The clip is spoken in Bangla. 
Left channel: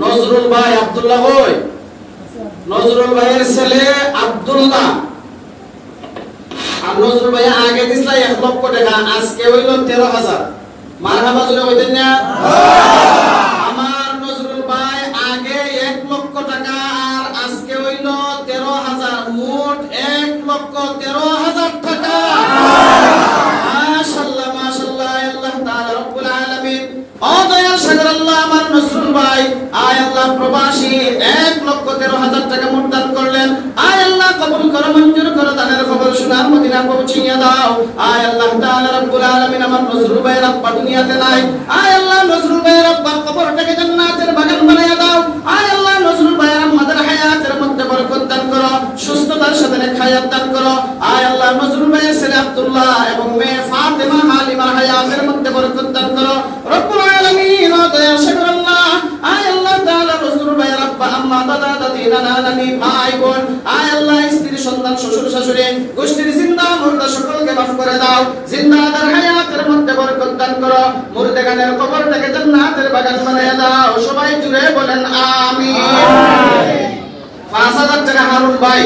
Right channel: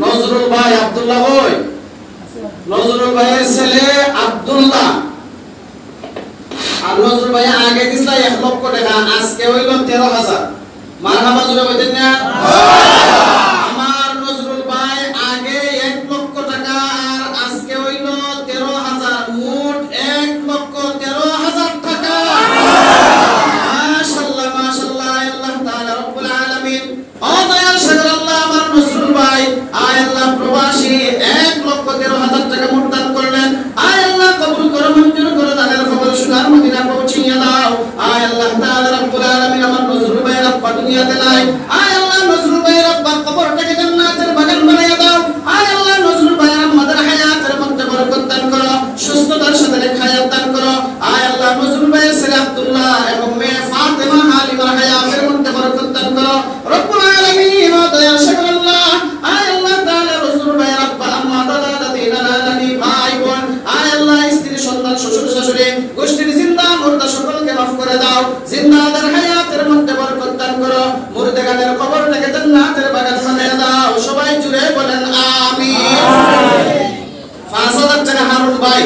নজরুল ভাই আব্দুল্লাহ কই? নজরুল ভাইয়ের ছেলে আব্দুল্লাহ। আর নজরুল ভাই আগে দিছিল 1 লক্ষ টাকা, আজকে হইল 13,000। মারহাবা জোরে কইতেন না? আমার নজরুল ভাই আগে 1 লক্ষ টাকা আর আজকে হইল 13,000, মোট 1,13,000 টাকা। মাশাআল্লাহ মাশাআল্লাহ, আল্লাহ তাআলা রব্বুল আলামিন ও দয়াল সাগর আল্লাহ আমার নজরুল ভাই আয় আল্লাহ প্রবাসী 1,13,000 টাকা মোট দান করলেন। আয় আল্লাহ কবুল করো, মঞ্জুর করো, দানের খবর শোনার মদিনা পৌঁছিয়ে দাও। আয় আল্লাহ তাআলা রব্বুল আলামিন আমার নজরুল ভাইয়ের আব্বা দুনিয়াতে নাই, আয় আল্লাহ নজরুল ভাইয়ের আব্বার কবরটাকে জান্নাতের বাগান বানিয়ে দাও। আয় আল্লাহ নজরুল ভাইয়ের আমাদের হায়াতের মধ্যে বরকত দান করো, সুস্থতার সাথে হায়াত দান করো। আয় আল্লাহ নজরুল ভাইয়ের ছেলে আব্দুল্লাহ এবং মেয়ে ফাতেমা হালিমার হায়াতের মধ্যে বরকত দান করো রব্বুল আলামিন। ও দয়াল সাগর আল্লাহ আয় আল্লাহ তাআলা নজরুল ভাইয়ের আব্বা আম্মা দাদা দাদি নানা নানি ভাই বোন আয় আল্লাহ স্ত্রী সন্তান শ্বশুর শাশুড়ি গোষ্ঠীর জিন্দা মুর্দা সকলকে মাফ করে দাও। জিন্দাদের হায়াতের মধ্যে বরকত দান করো, মুর্দাগানের কবরটাকে জান্নাতের বাগান বানিয়ে দাও। সবাই জুড়ে বলেন আমিন। 5,000 টাকা হারুন ভাই।